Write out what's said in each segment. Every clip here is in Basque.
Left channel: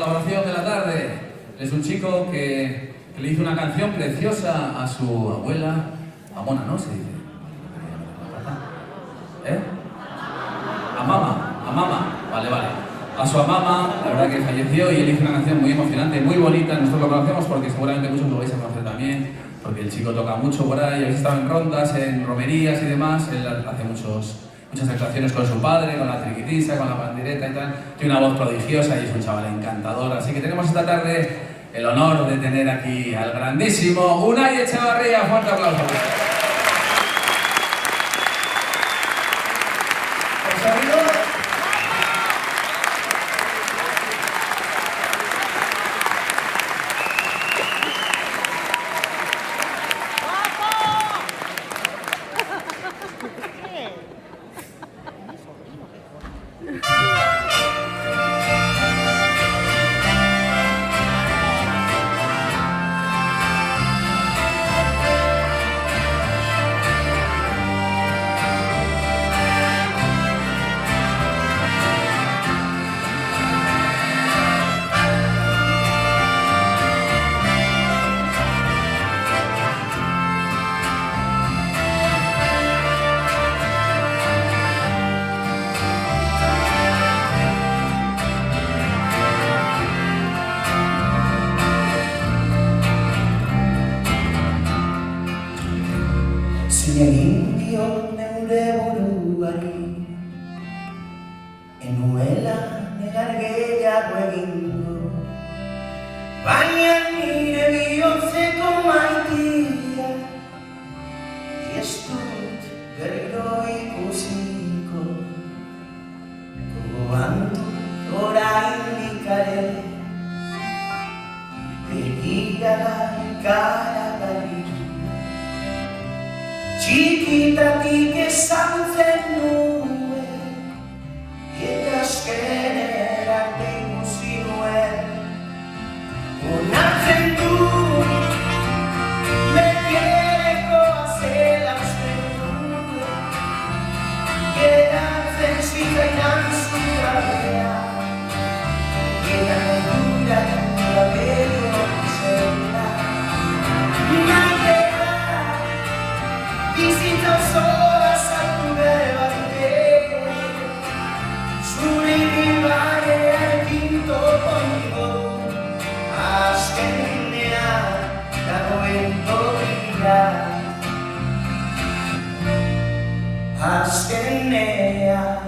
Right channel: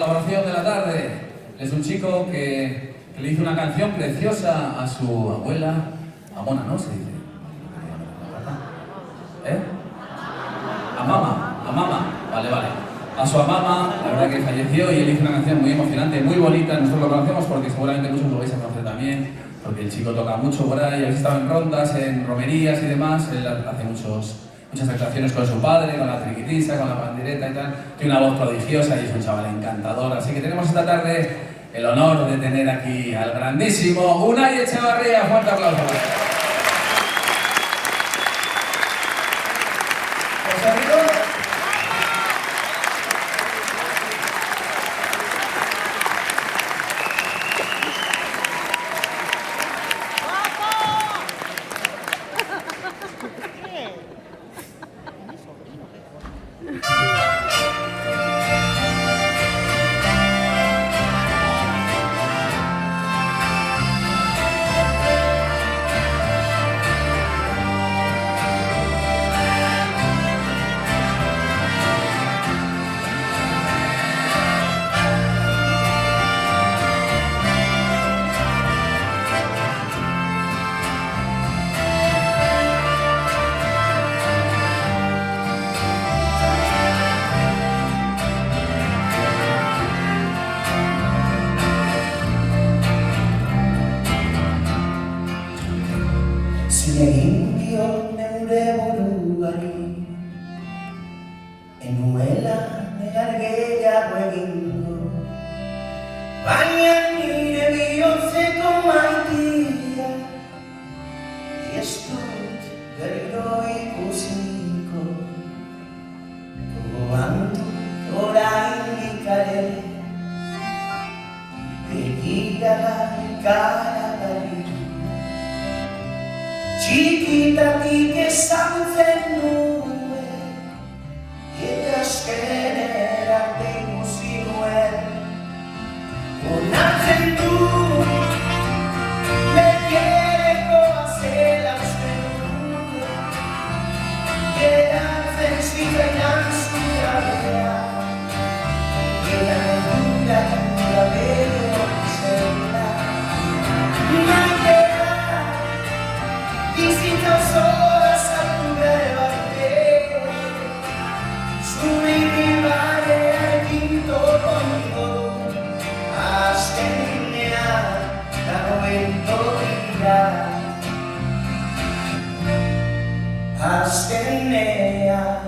colaboración de la tarde es un chico que le hizo una canción preciosa a su abuela, a Mona, ¿no? Se dice. A Mama, vale. A su mamá, la verdad que falleció y él hizo una canción muy emocionante, muy bonita. Nosotros lo conocemos porque seguramente muchos lo vais a conocer también, porque el chico toca mucho por ahí, habéis estado en rondas, en romerías y demás. Él hace muchas actuaciones con su padre, con la triquitisa, con la pandereta y tal. Tiene una voz prodigiosa y es un chaval encantador. Así que tenemos esta tarde el honor de tener aquí al grandísimo Unai Etxebarria. Fuerte aplauso. Zinegindio neure buruari enuela negar gehiago egin du, baina nire bihotzeko maitia ez dut berriro ikusiko. Gogoan dut oraindik ere begirada ikaradari. Txikitatik ezagutzen nuen, eta azkenera ikusi nuen. Onartzen du, begirekoa zela uste nuen, geratzen zitzaidan zugabea, gera dura bero zela. Bizitza osoa sartu behar batek, zure barekin topongo, azkenean dagoen tokia, azkenean.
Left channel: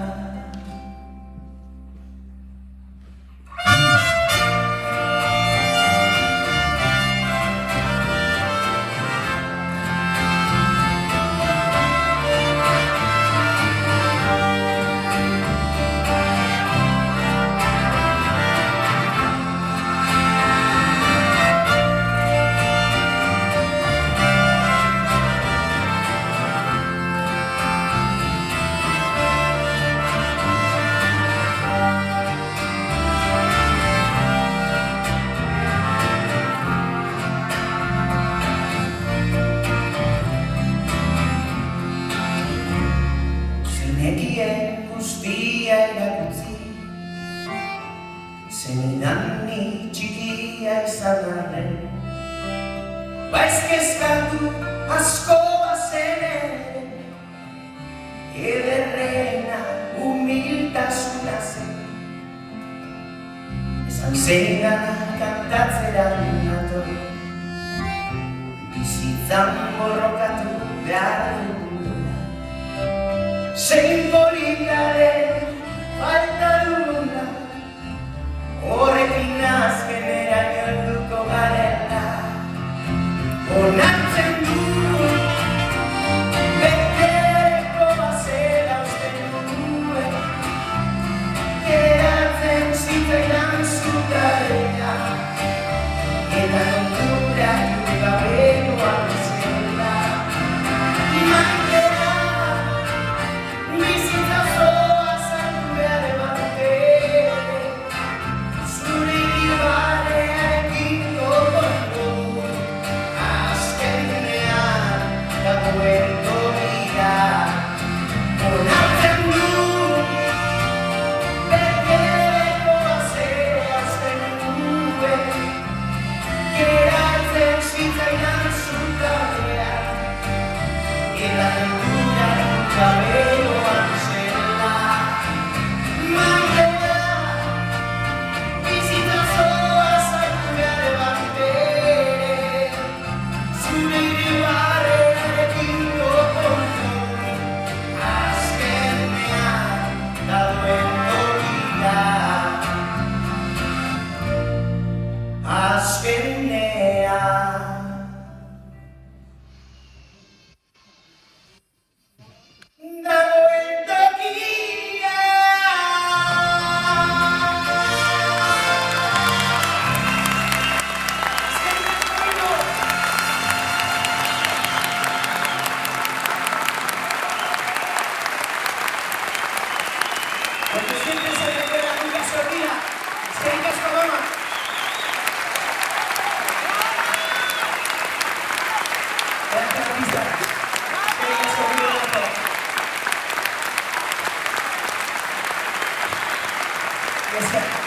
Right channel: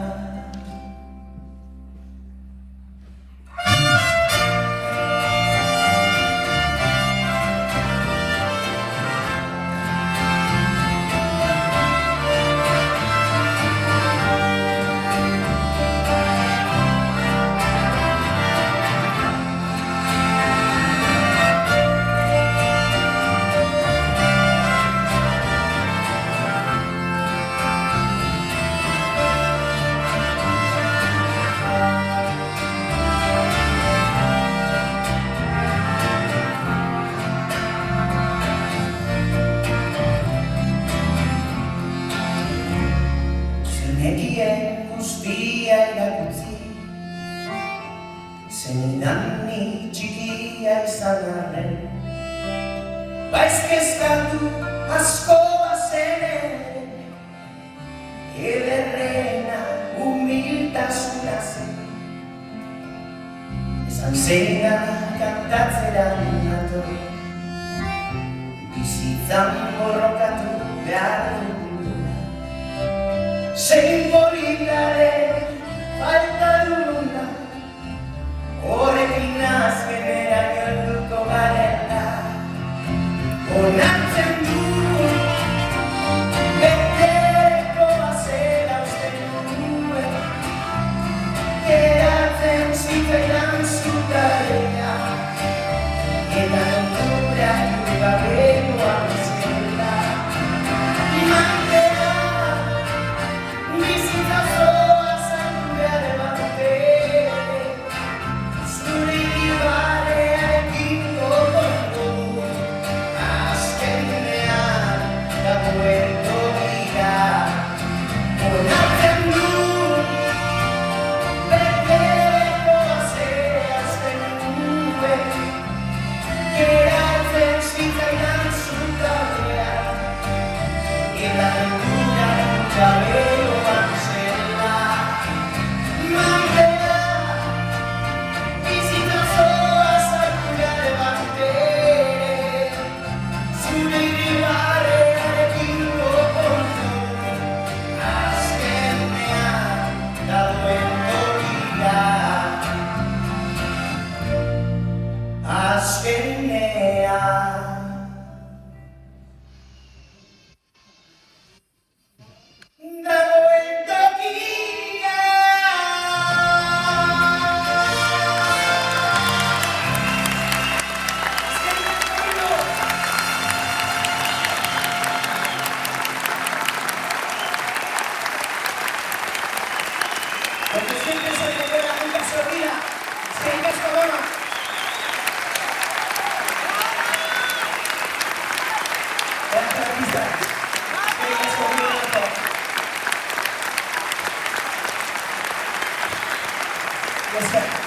Guztia erakutzi, zenidan ni txikia izan arren, baizkezkatu asko bazenen, ederrena humiltasuna zen. Esan zenan kantatzera nator, bizitzan borrokatu behar duguna. Zein polikaren falta duguna, horrekin azkenera gertuko garela. Onartzen du, betereko bazela uste nuen, geratzen zitzaidan zugabea, eta dura gabekoa zela. Bizitza osoa sartu behar batek, zure que la locura nunca me lo cancela. Mañana visito solo a Sakura de Vampire, sin derivare de vino con haz que me ha dado vida, haz que me ha dado vida. Porque siempre se me queda nunca se olvida. Si hay que esto broma. Gracias, artistas. Si hay que esto broma. Yes, sir.